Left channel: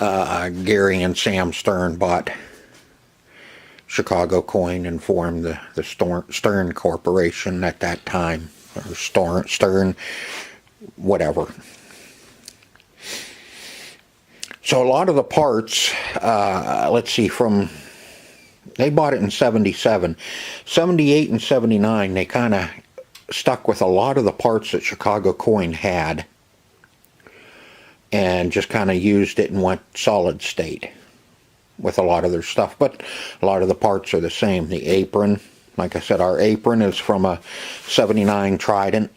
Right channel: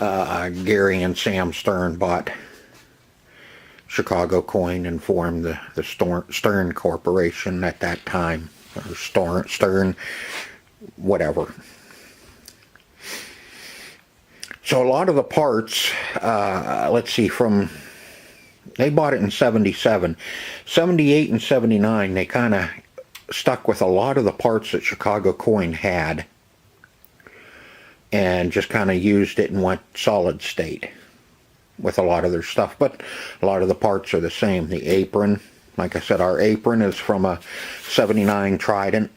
Gary and Sam Stern bought Chicago Coin and formed the Stern Corporation at that time, or Stern, whatever. So a lot of the parts, let's see, they bought it in 77. 78 and 79, they kind of stuck with a lot of the parts that Chicago Coin had and just kind of used it and went solid state with a lot of their stuff. But a lot of the parts are the same. The apron, like I said, our apron is from a 79 Trident.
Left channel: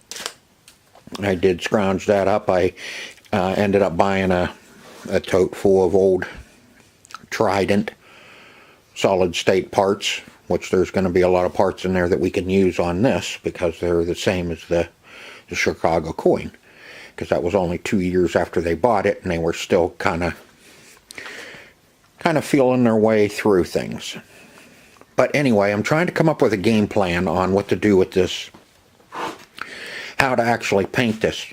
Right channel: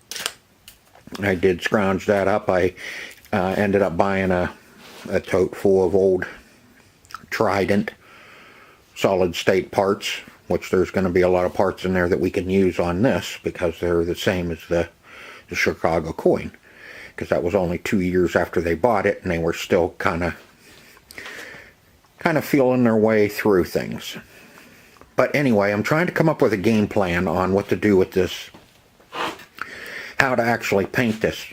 I did scrounge that up. I ended up buying a tote full of old Trident solid state parts, which there's going to be a lot of parts in there that we can use on this because they're the same as the Chicago Coin, because that was only 2 years after they bought it and they were still kind of feeling their way through things. But anyway, I'm trying to come up with a game plan on what to do with this, how to actually paint this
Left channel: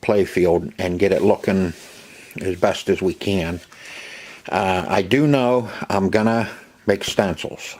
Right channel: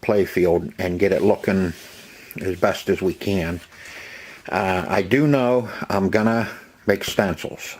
playfield and get it looking as best as we can. I do know I'm gonna make stencils.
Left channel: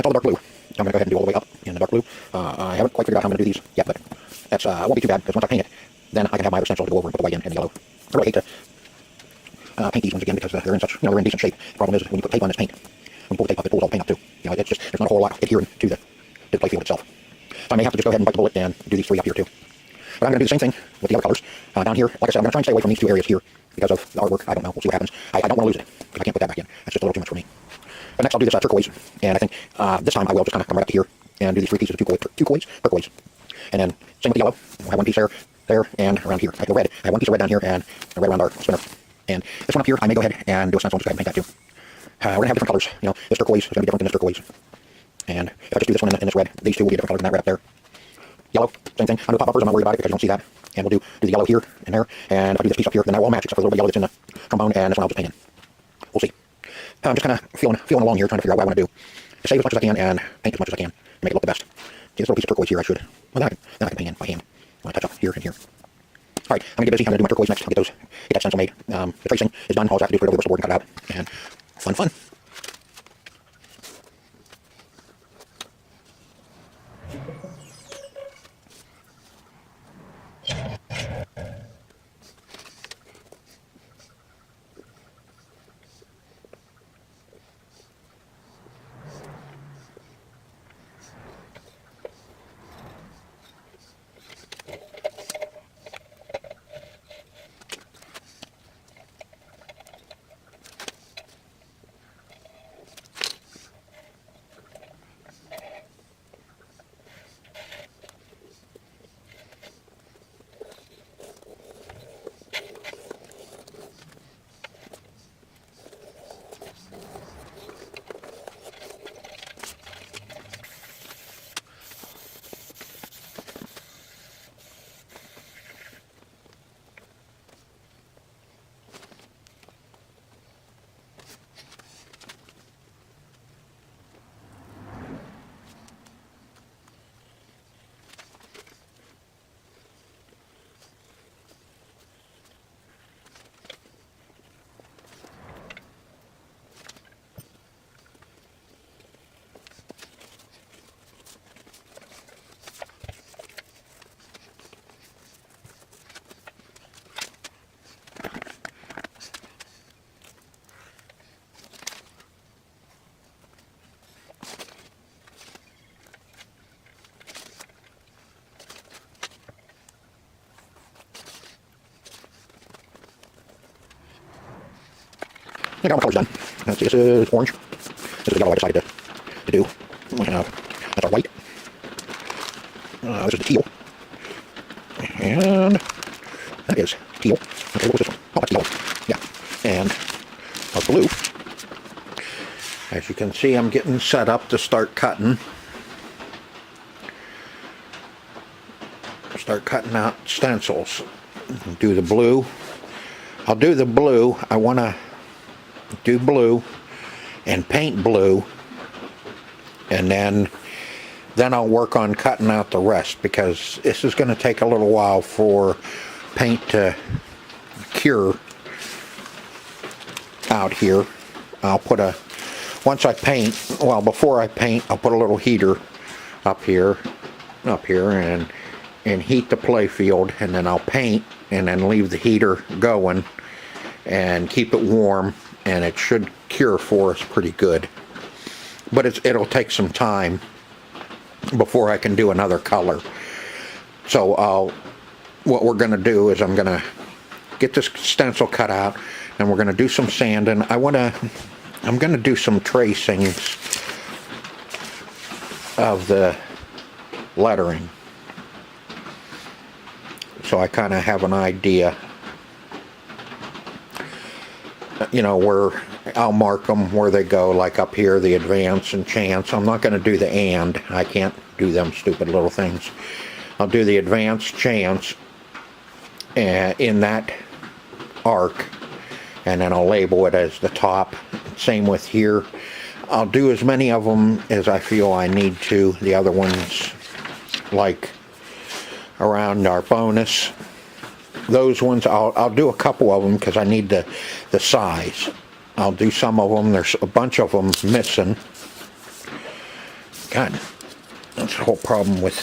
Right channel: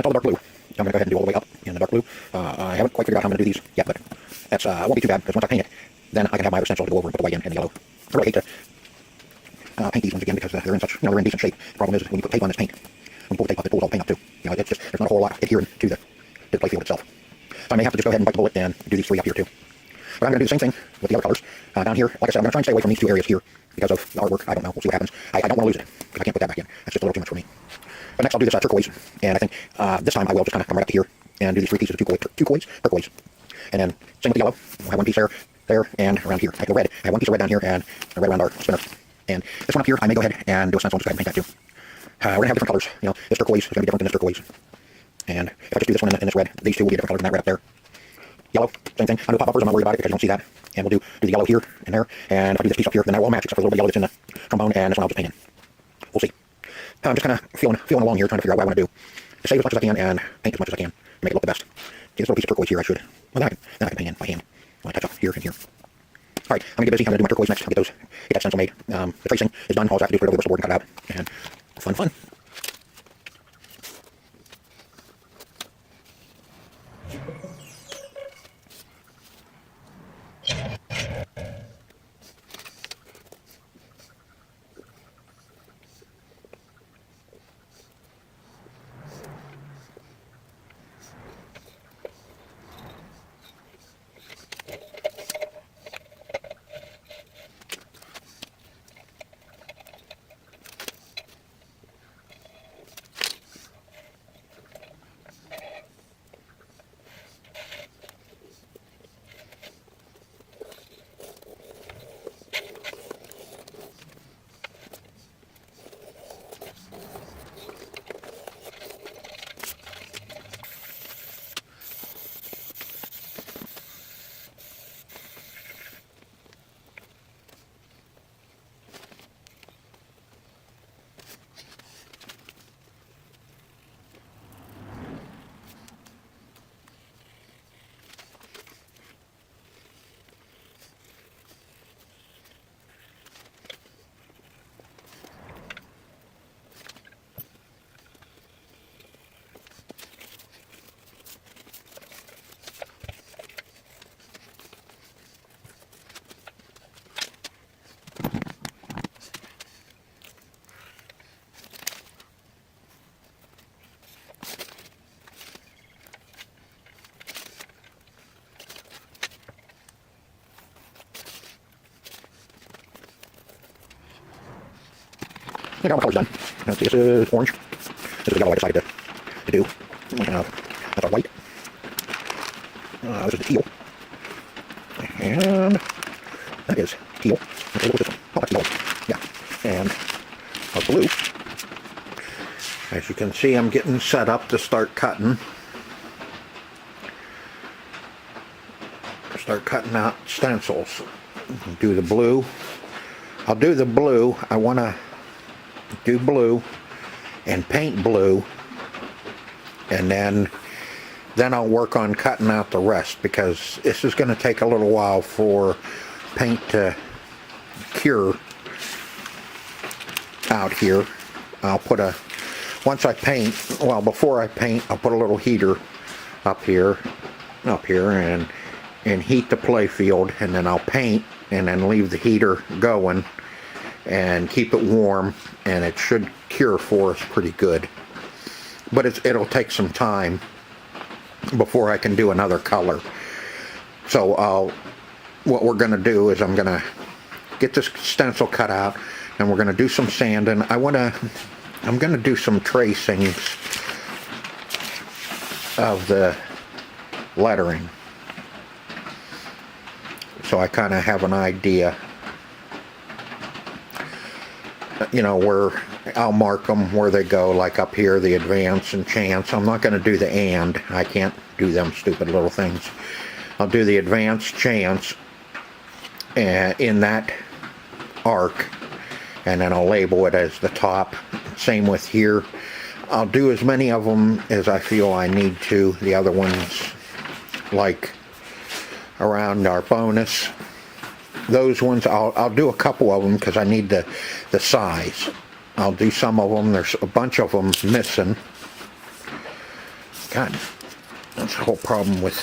That's all the dark blue. I'm going to go ahead and do all the way up in the dark blue. I haven't quite figured out how I'm going to do these yet, but that's won't be too bad, because once I paint it, then I can have my other stencil to go over and put the white in and the yellow. I really hate to paint these ones again because they're in such, they're in decent shape. The problem is when you put tape on this paint, when you pull the tape up, it pulls all the paint up too. It's just, there's not a whole lot adhering to the playfield itself. So I may have to just go ahead and bite the bullet and do these three up here too. But I'm going to do the same thing with the other colors. Down here, like I said, I'm going to try and stay away from these two areas here because of the artwork. I don't know. We'll see what happens. I don't want to lose it because I can't put that back in. That's just a little too much for me. But next I'll do this turquoise, and I think this time I will just kind of come right up to here and do these three pieces of turquoise, and then same with the yellow. We'll have one piece there, there, and around here. I go red. I have one piece of red down here, and a red around our spinner. And this one up here, I may go ahead and do a stencil and just go ahead and paint that too. We're going to have different colors. You know, this turquoise is going to be different than this turquoise. And if I just do this one in this red, these two will be different colors than that red up there. Yellow, same thing. Under the pop bumpers, I'm not worried about it because you don't see that. And we'll do the yellow here and there. And if I do this piece up here, then that will all match except for the little bit yellow that's in the trombone, and this one I'll just paint in. We'll see. I'm just kind of feeling along here, trying to figure out what I want to do. To save as much as I can and paint as much as I can. Make it look the best. See this little piece of turquoise here, I should. Well, then I can paint in by hand. I'll touch up here and here. Alright, I'm going to get busy. I'm going to do my turquoise next. I'll get that stencil made. The tracing is done. All I have to do is put it over the whistle board and cut it out. And fun. I got all my colors done. Let's see, this is orange. This is the yellow I decided to do. That's our white. This is the teal. And that is teal. Okay, what was this one? Oh, that's yellow. Yeah. And our blue. As you can see, I'm getting set up to start cutting. Start cutting out stencils. Do the blue. I'll do the blue. I want to do blue and paint blue, and then I'll work on cutting out the rest, because this is going to take a little while for paint to cure out here. I'll put once I paint, well, before I paint, I'll put a little heater up here and heat the playfield, and then I'll paint and then leave the heater going and keep it warm, and it should cure for us pretty good. But it'll take some time before I can do another color. So what we're going to do is I'm going to get this stencil cut out, and we're going to do some sanding. I'm going to do some tracings of the lettering, so I kind of have an idea, you know, where I'll mark them where they go, like up here, the advance and chance. I'm not going to do the and. I can't do them stupid little things. I'll do the advance, chance in that arc, and then I'll label it as the top. Same with here. I'll do as many of them as I feel I need to. The other ones, like around our bonus, those ones I'll do a couple of them because I need the size. I'll do some of them. There's a bunch of them missing. God, that's the whole problem with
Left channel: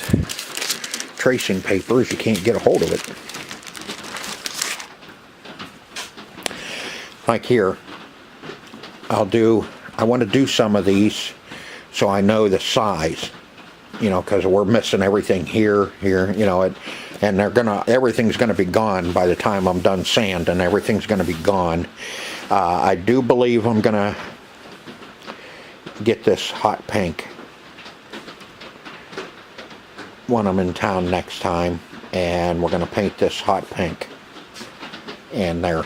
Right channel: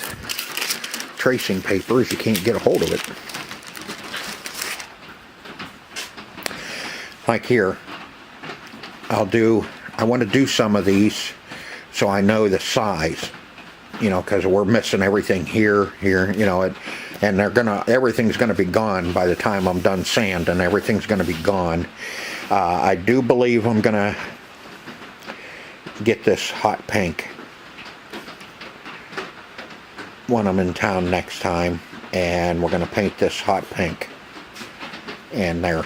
tracing paper, is you can't get a hold of it. Like here, I want to do some of these so I know the size, you know, because we're missing everything here, you know, and everything's gonna be gone by the time I'm done sanding. Everything's gonna be gone. I do believe I'm gonna get this hot pink when I'm in town next time. and we're going to paint this hot pink in there.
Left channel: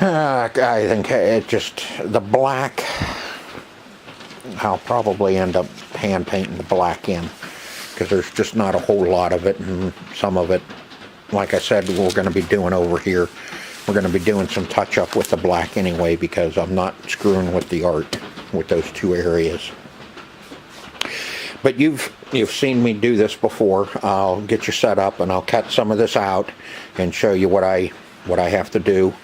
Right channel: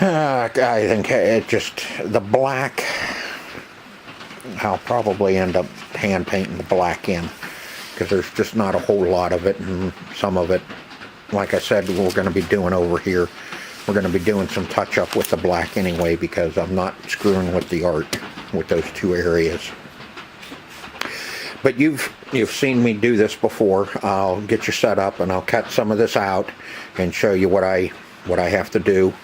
I think it just, the black, I'll probably end up hand painting the black in, because there's just not a whole lot of it, and some of it, like I said, we're going to be doing over here. We're going to be doing some touch up with the black anyway, because I'm not screwing with the art with those two areas. But you've seen me do this before. I'll get you set up and I'll cut some of this out and show you what I have to do.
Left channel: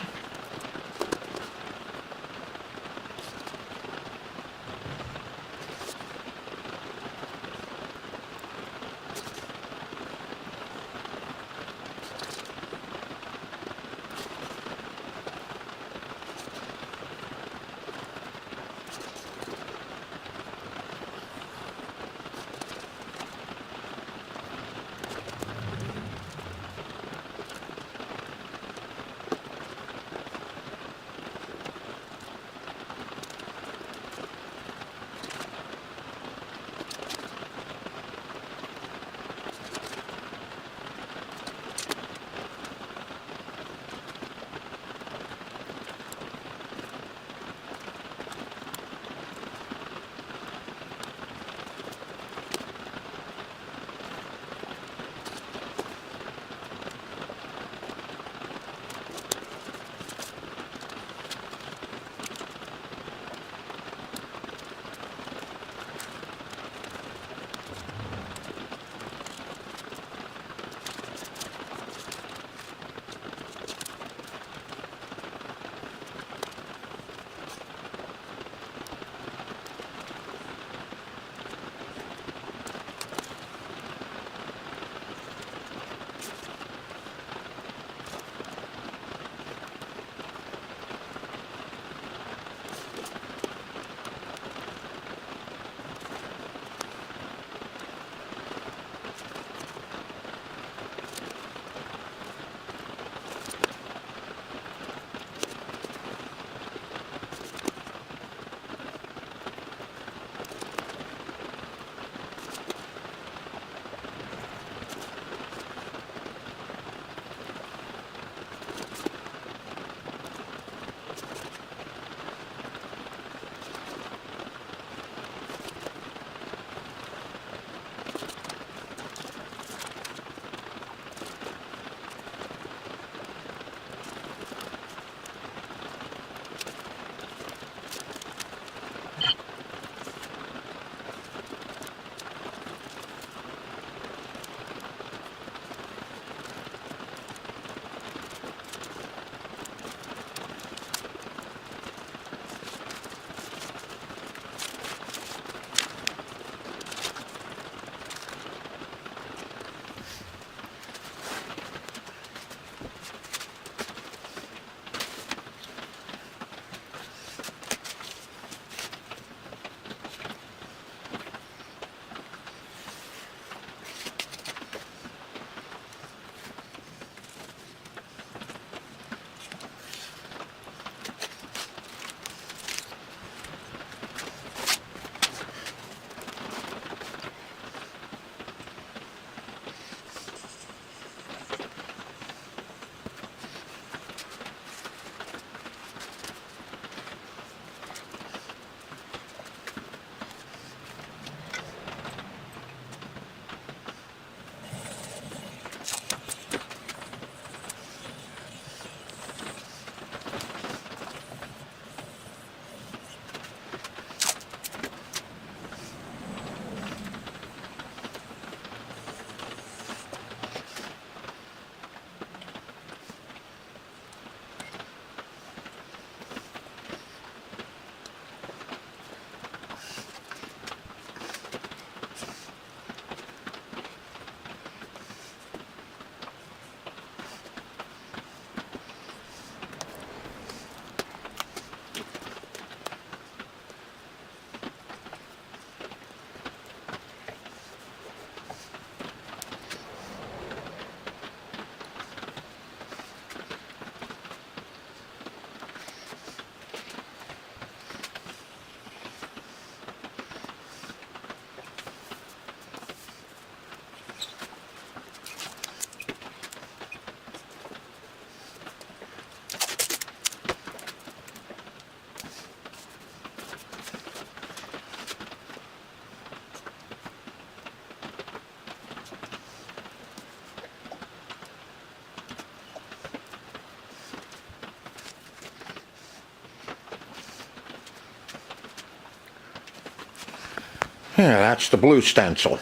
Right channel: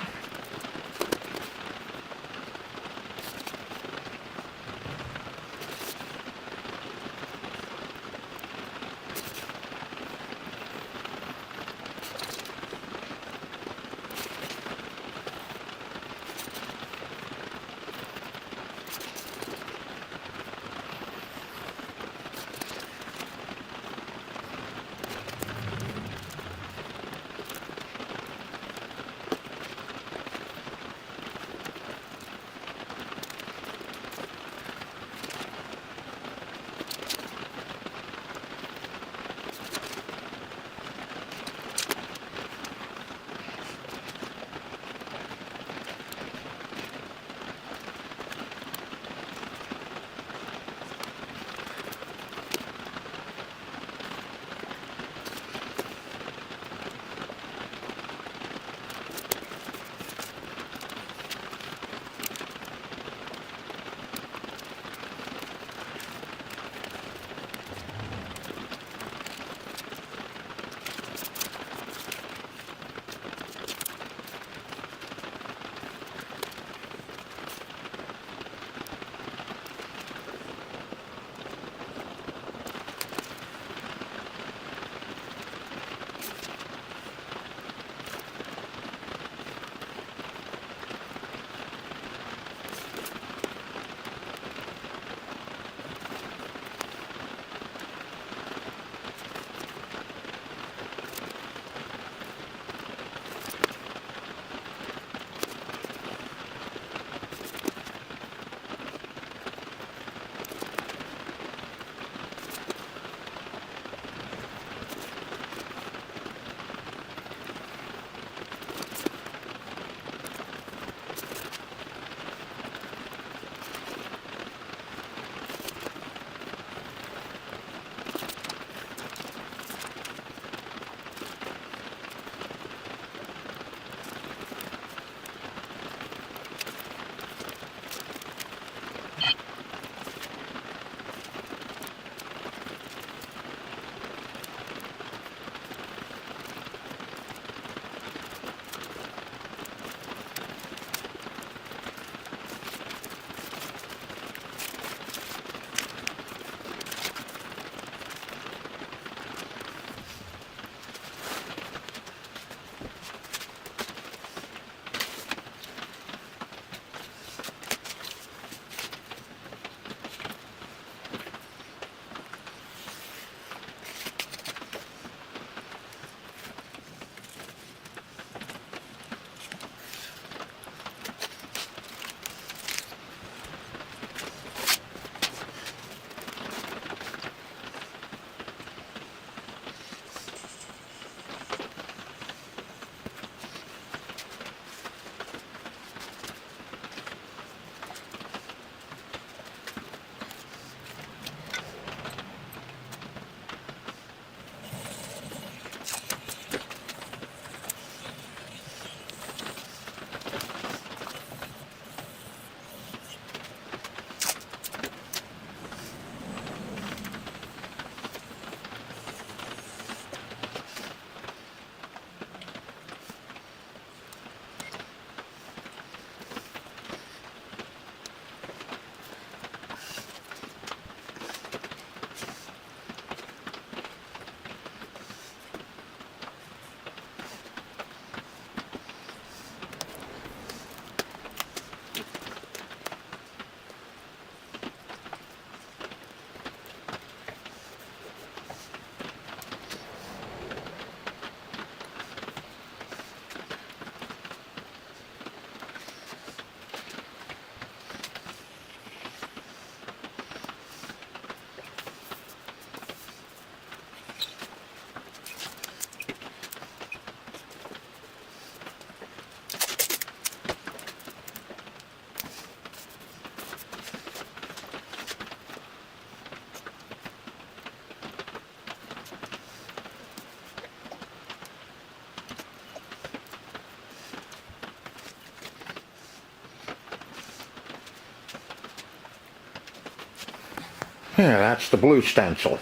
Yeah, that's the blue stencil.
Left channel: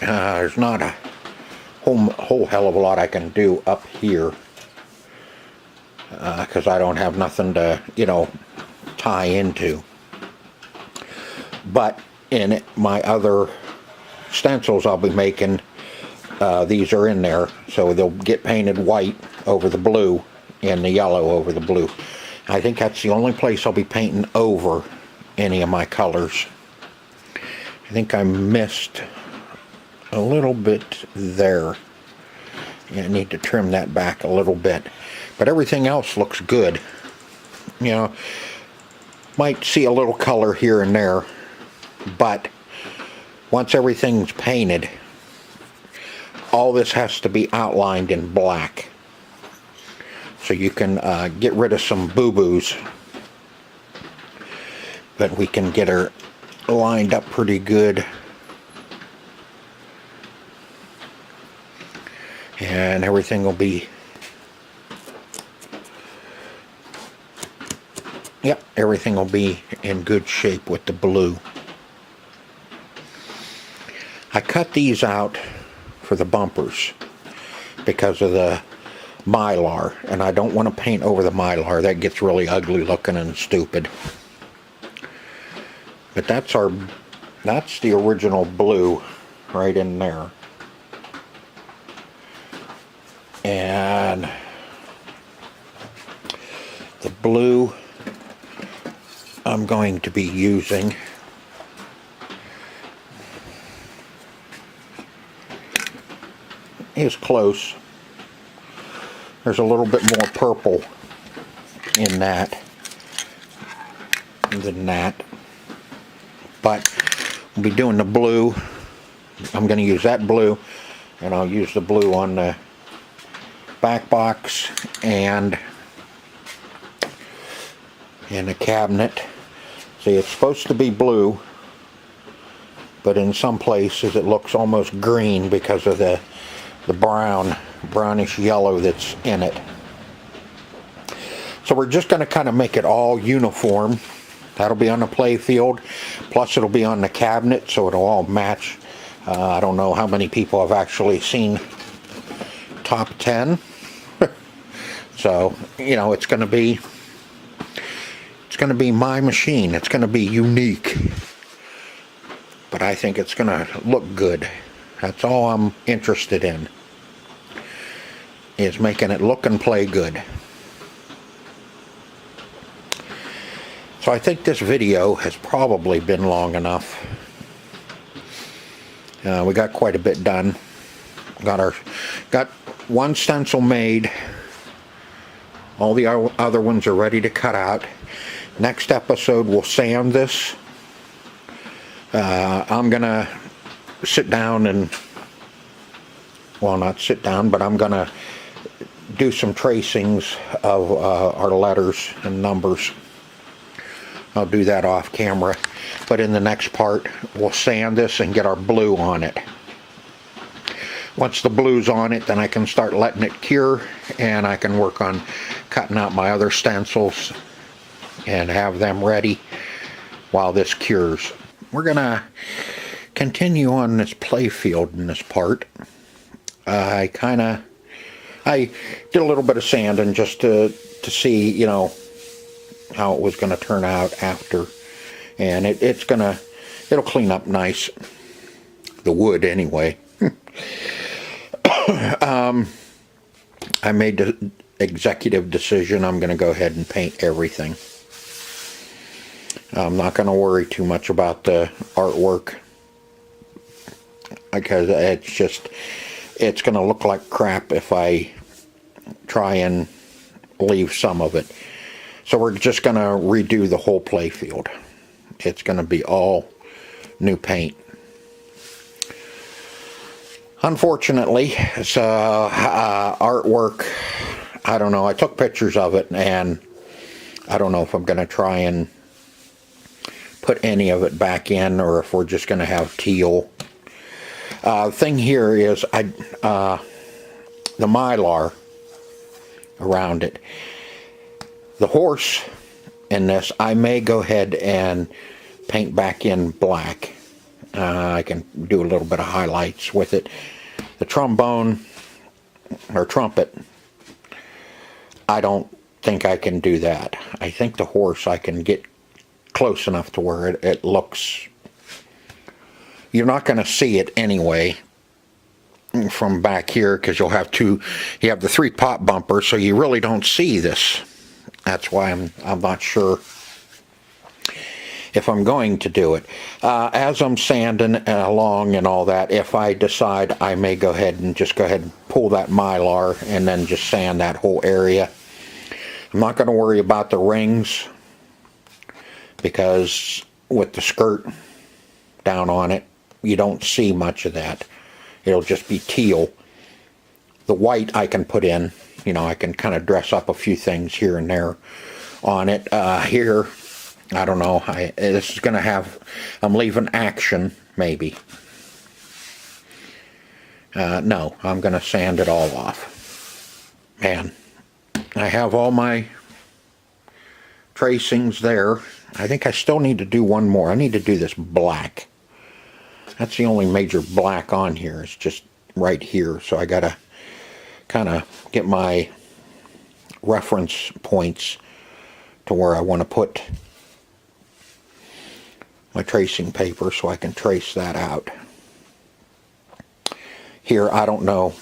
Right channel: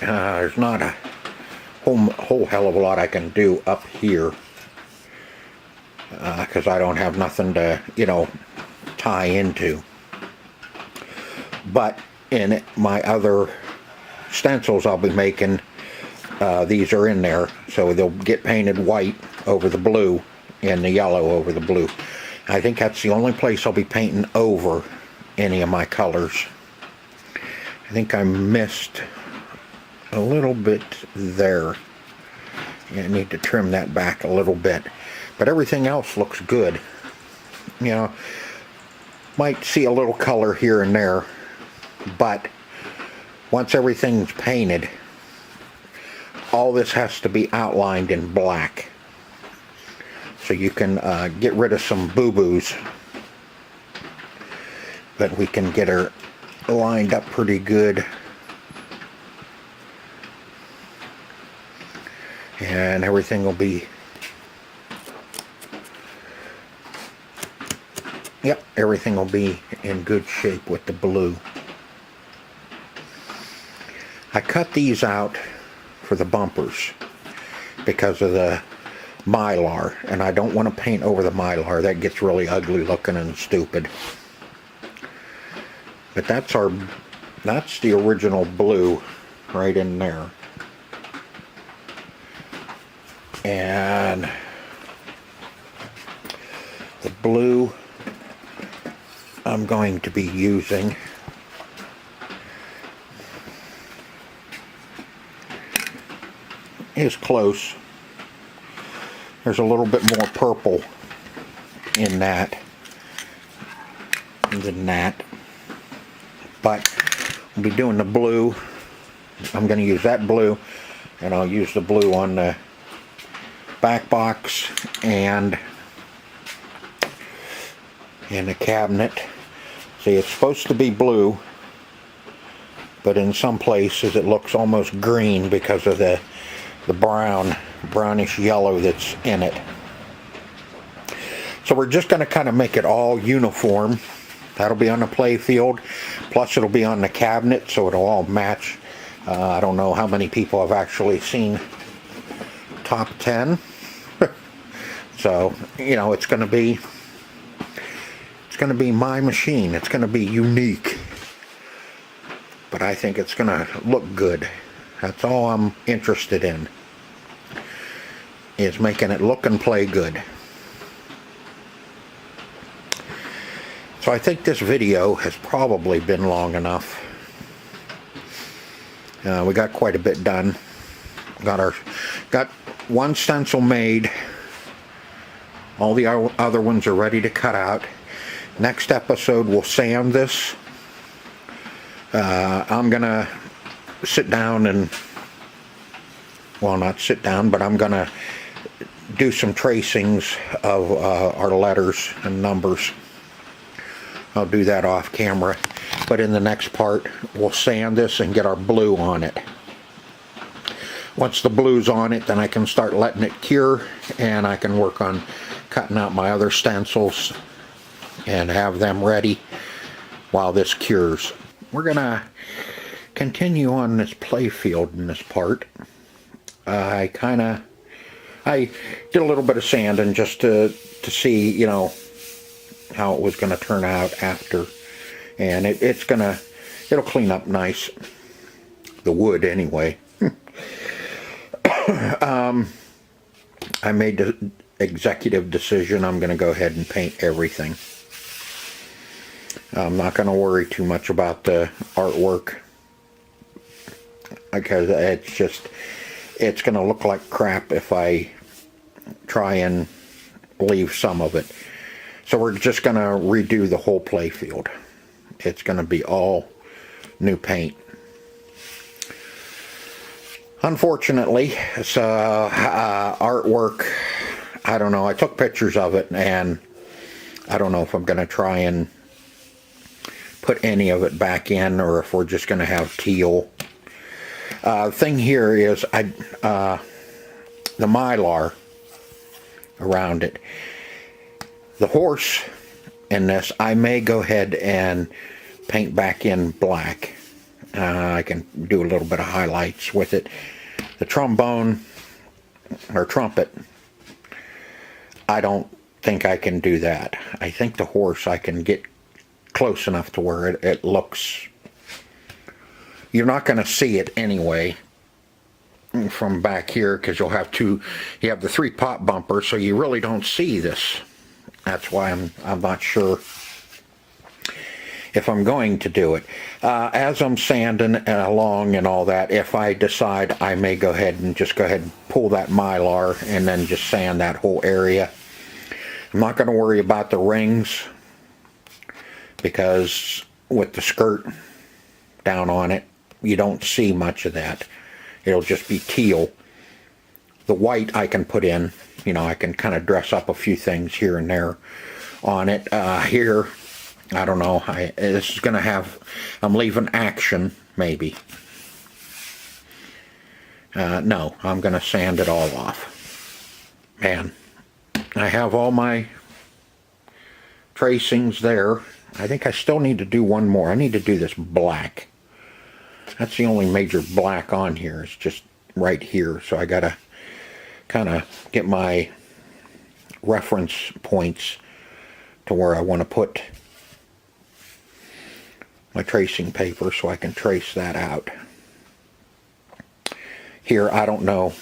There's not a whole hell of a lot I can do up here because I don't have nothing to, tie into. But in my other stencils I'll be making, these are in there, so they'll get painted white over the blue and the yellow over the blue. I think that's the only place I'll be painting over any of my colors. I think I missed a little bit there. Yeah, I need to trim that back a little bit. But everything else looks good. Might see a little color here and there, but once everything's painted, all this has to be outlined in black. So you can get rid of some boo-boos. But we can get her lined up pretty good. And everything will be, everything will be in good shape with the blue. I cut these out for the bumpers because of the mylar, and I don't want to paint over the mylar. That gets really ugly looking and stupid. But that's the original blue right in there. And the blue I'm going to be using is close. There's a little bit more purple in that than that. But we'll be doing the blue. I'm going to use that blue, and I'll use the blue on the back box and in the cabinet. See, it's supposed to be blue, but in some places it looks almost green because of the brownish yellow that's in it. So we're just going to kind of make it all uniform. That'll be on the playfield, plus it'll be on the cabinet, so it'll all match. I don't know how many people have actually seen Top 10. So, it's going to be my machine. It's going to be unique. But I think it's going to look good. That's all I'm interested in, is making it look and play good. So I think this video has probably been long enough. We got quite a bit done. Got one stencil made. All the other ones are ready to cut out. Next episode we'll sand this. I'm gonna sit down and, well, not sit down, but I'm gonna do some tracings of our letters and numbers. I'll do that off camera, but in the next part we'll sand this and get our blue on it. Once the blue's on it, then I can start letting it cure, and I can work on cutting out my other stencils and have them ready while this cures. We're gonna continue on this playfield in this part. I did a little bit of sanding just to see, how it was going to turn out after, and it'll clean up nice, the wood anyway. I made the executive decision. I'm going to go ahead and paint everything. I'm not going to worry too much about the artwork, because it's going to look like crap if I try and leave some of it. So we're just going to redo the whole playfield. It's going to be all new paint. Unfortunately, it's artwork. I don't know. I took pictures of it, and I don't know if I'm going to try and put any of it back in, or if we're just going to have teal. Thing here is the mylar around it. The horse in this, I may go ahead and paint back in black. I can do a little bit of highlights with it. The trombone or trumpet, I don't think I can do that. I think the horse I can get close enough to where it looks, you're not going to see it anyway from back here, because you have the 3 pop bumpers, so you really don't see this. That's why I'm not sure if I'm going to do it. As I'm sanding along and all that, if I decide, I may go ahead and pull that Mylar and then just sand that whole area. I'm not going to worry about the rings, because with the skirt down on it, you don't see much of that. It'll just be teal. The white I can put in, I can kind of dress up a few things here and there on it. Here, I don't know. This is going to have, I'm leaving action, maybe. No, I'm going to sand it all off. Man, I have all my tracings there. I think I still need to do one more. I need to do this black. That's the only major black on here. It's just right here. So I got to kind of get my reference points to where I want to put my tracing paper so I can trace that out. Here, I don't know.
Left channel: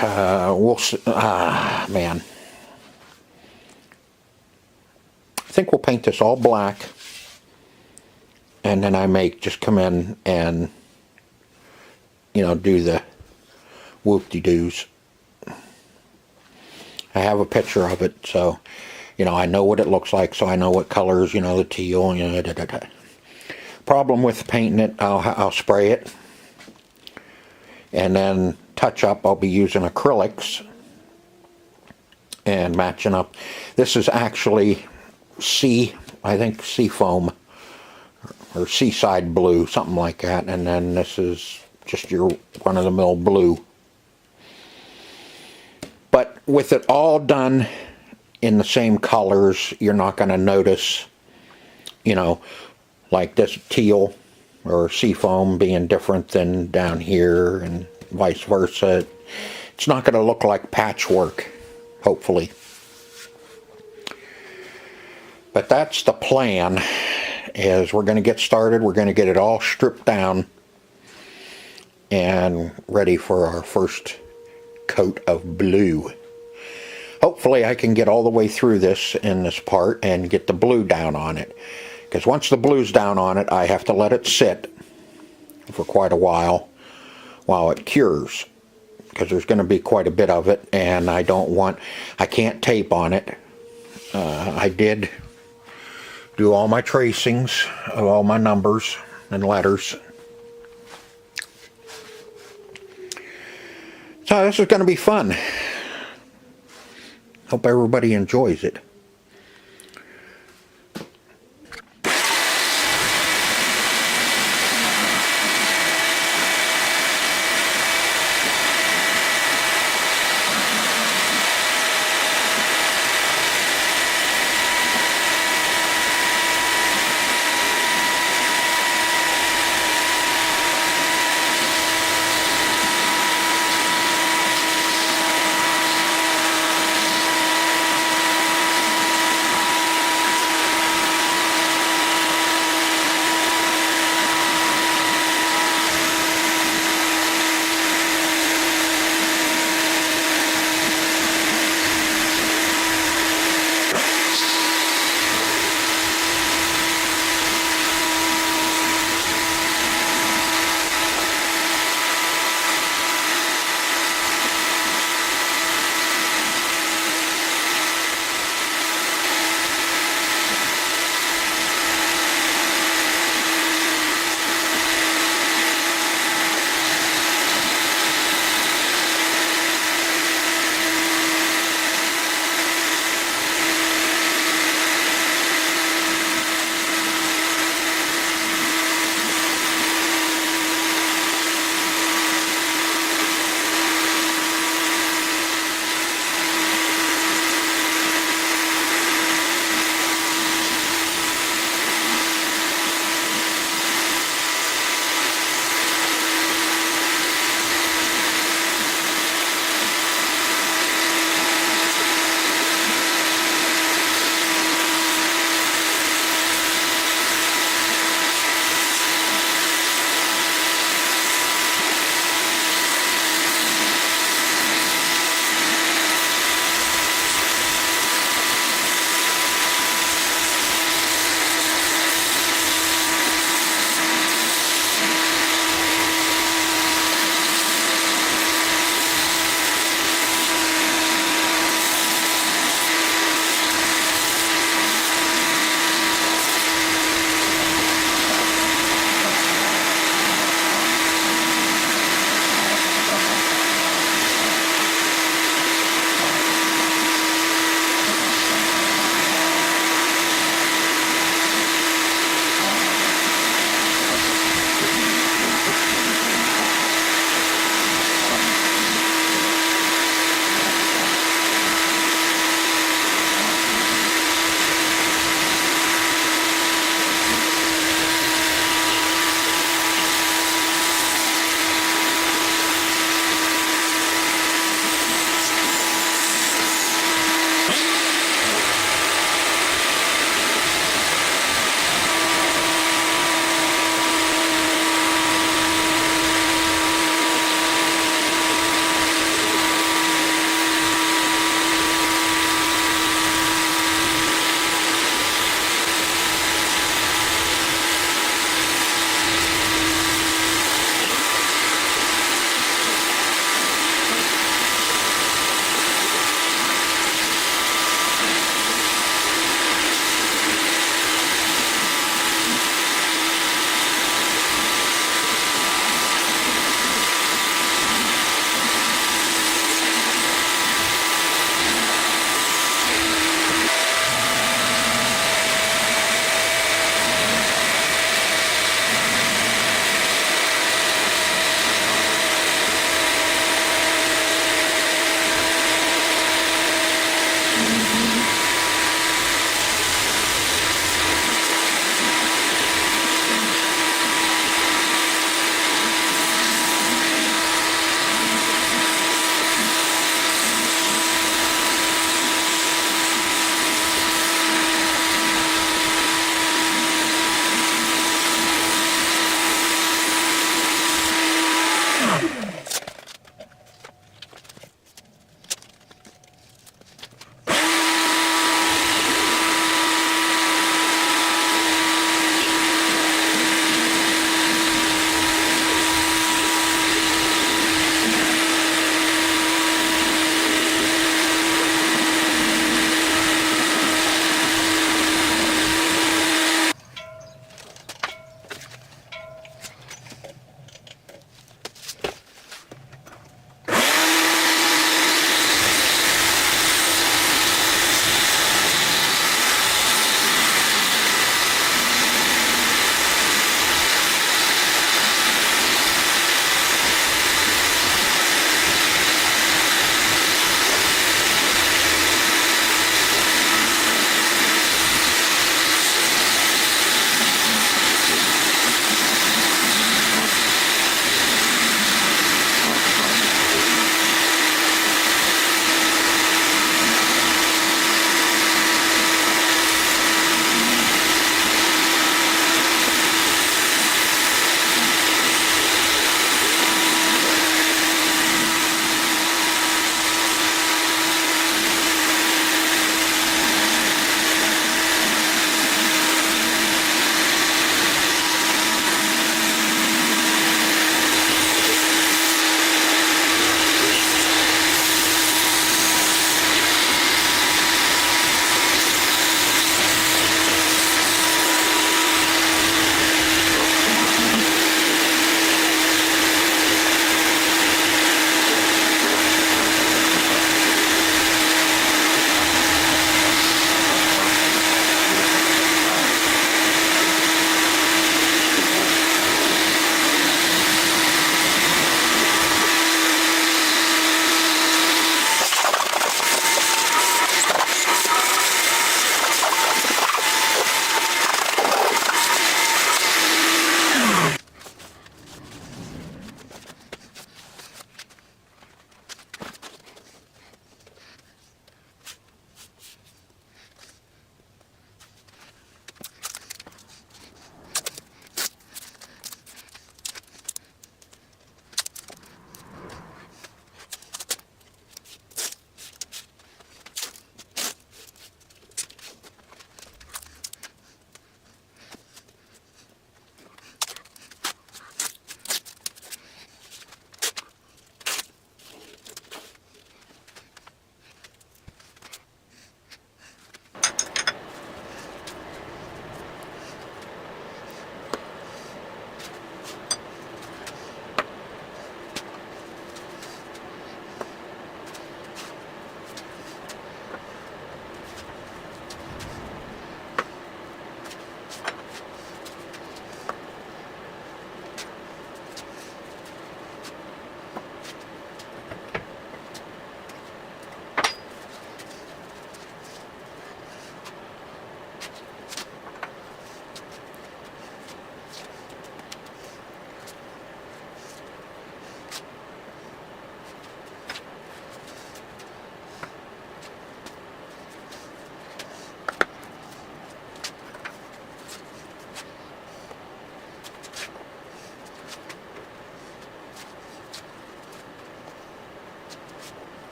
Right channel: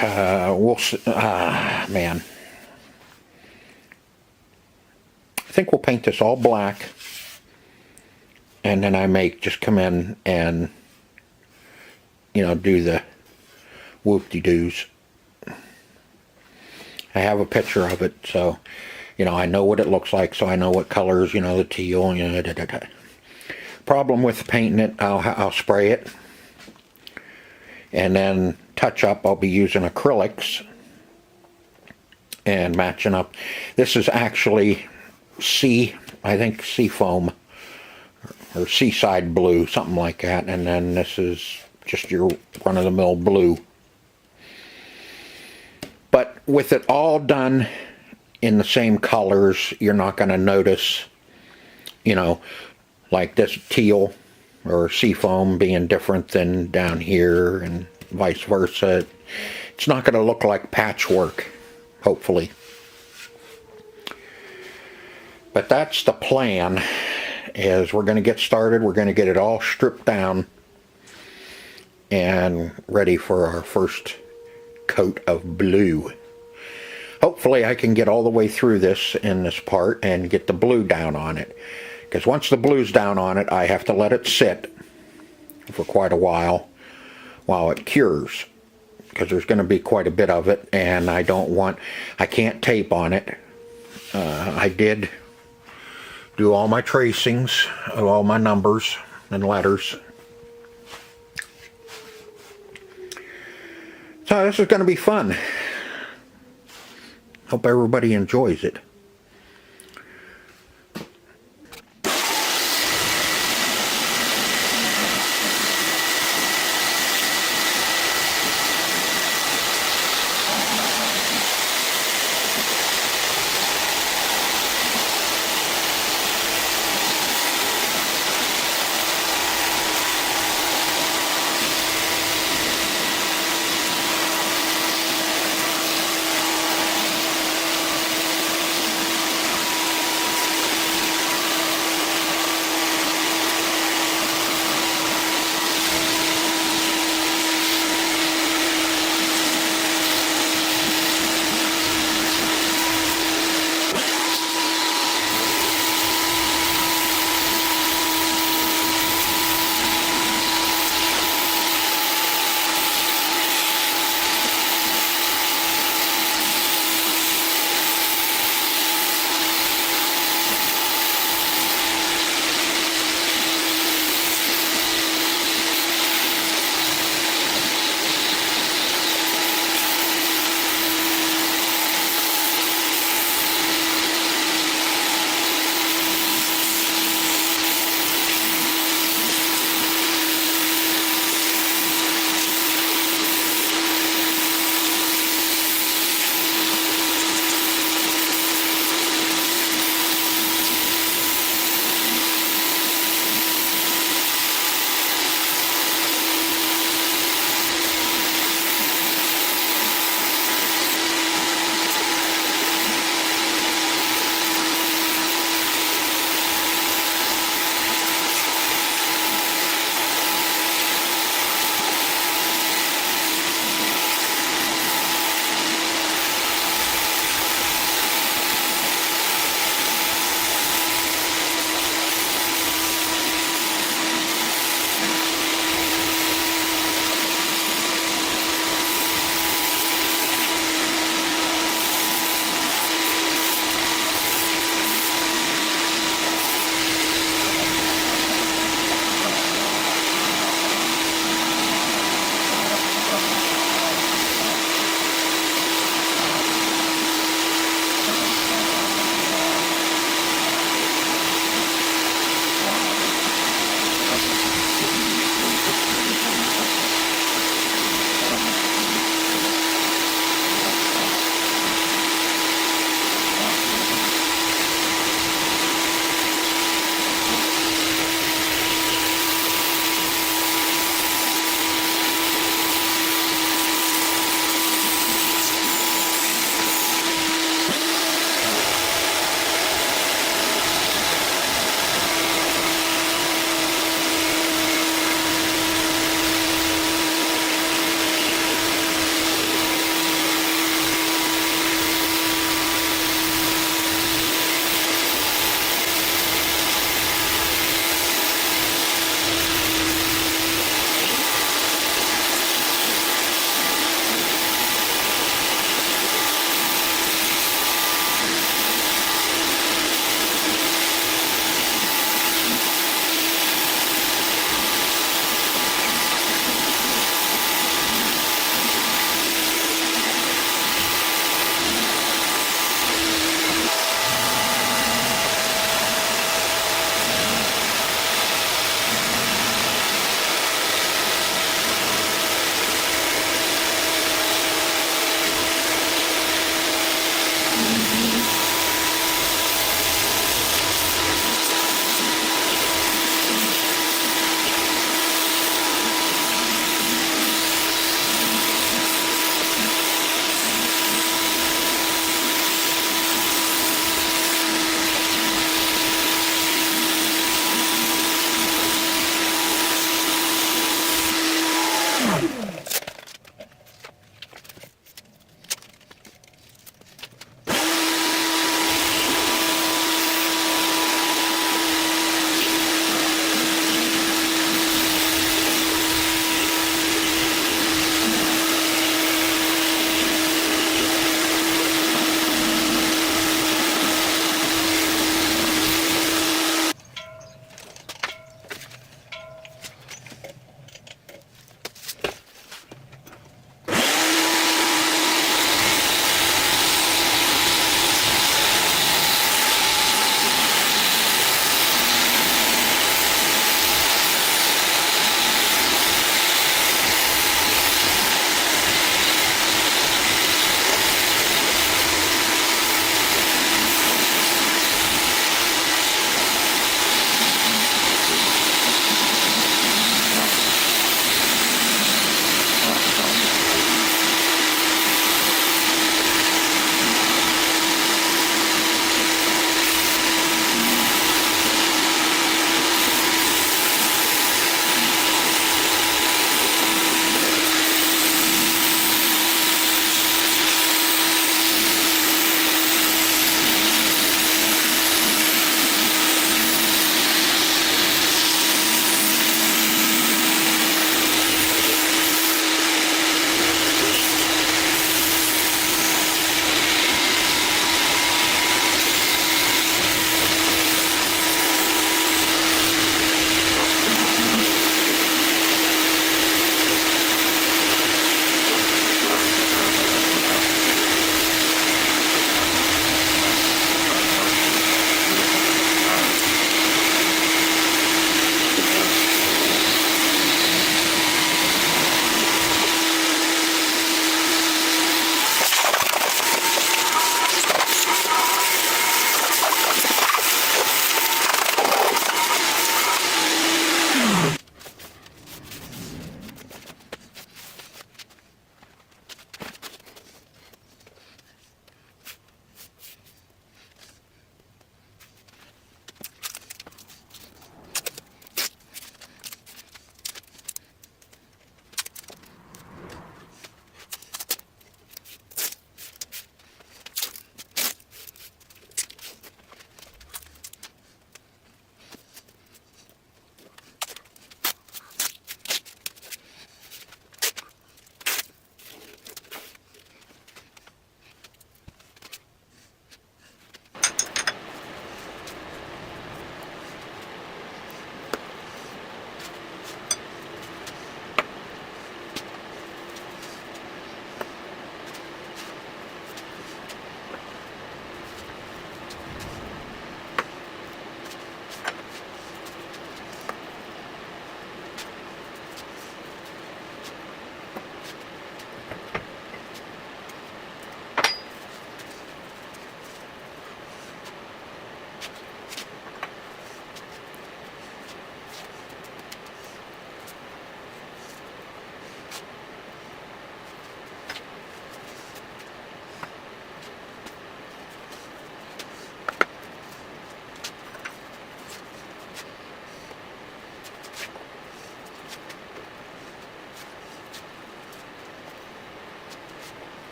We'll see. Man. I think we'll paint this all black. And then I may just come in and, do the whoop-de-doos. I have a picture of it, so, I know what it looks like, so I know what colors, the teal, Problem with painting it, I'll spray it. And then touch up, I'll be using acrylics and matching up. This is actually I think sea foam. Or seaside blue, something like that, and then this is just your run-of-the-mill blue. But with it all done in the same colors, you're not going to notice, like this teal or seafoam being different than down here, and vice versa. It's not going to look like patchwork, hopefully. But that's the plan. Is we're going to get started. We're going to get it all stripped down and ready for our first coat of blue. Hopefully I can get all the way through this in this part and get the blue down on it. Because once the blue's down on it, I have to let it sit for quite a while it cures. Because there's going to be quite a bit of it, and I can't tape on it. I did do all my tracings of all my numbers and letters. So this is going to be fun. Hope everybody enjoys it.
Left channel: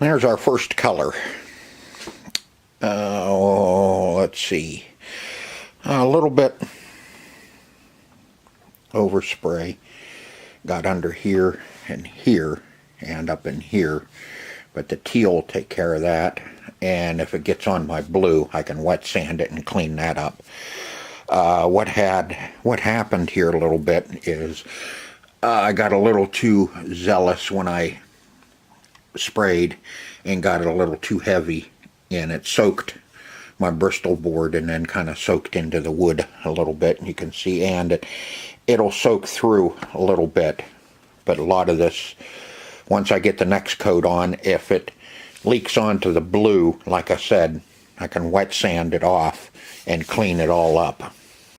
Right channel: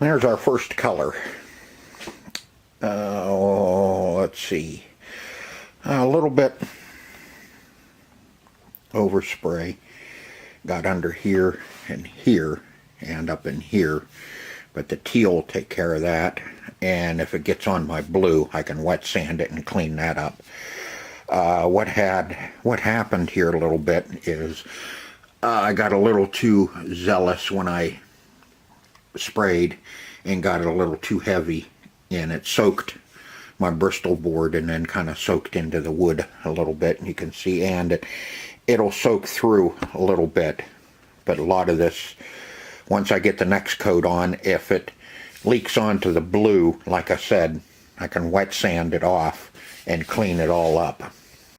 There's our first color. Let's see. A little bit overspray. Got under here and up in here. But the teal will take care of that. And if it gets on my blue, I can wet sand it and clean that up. What happened here a little bit is I got a little too zealous when I sprayed and got it a little too heavy, and it soaked my Bristol board and then kind of soaked into the wood a little bit, and you can see, and it'll soak through a little bit. But a lot of this, once I get the next coat on, if it leaks onto the blue, like I said, I can wet sand it off and clean it all up.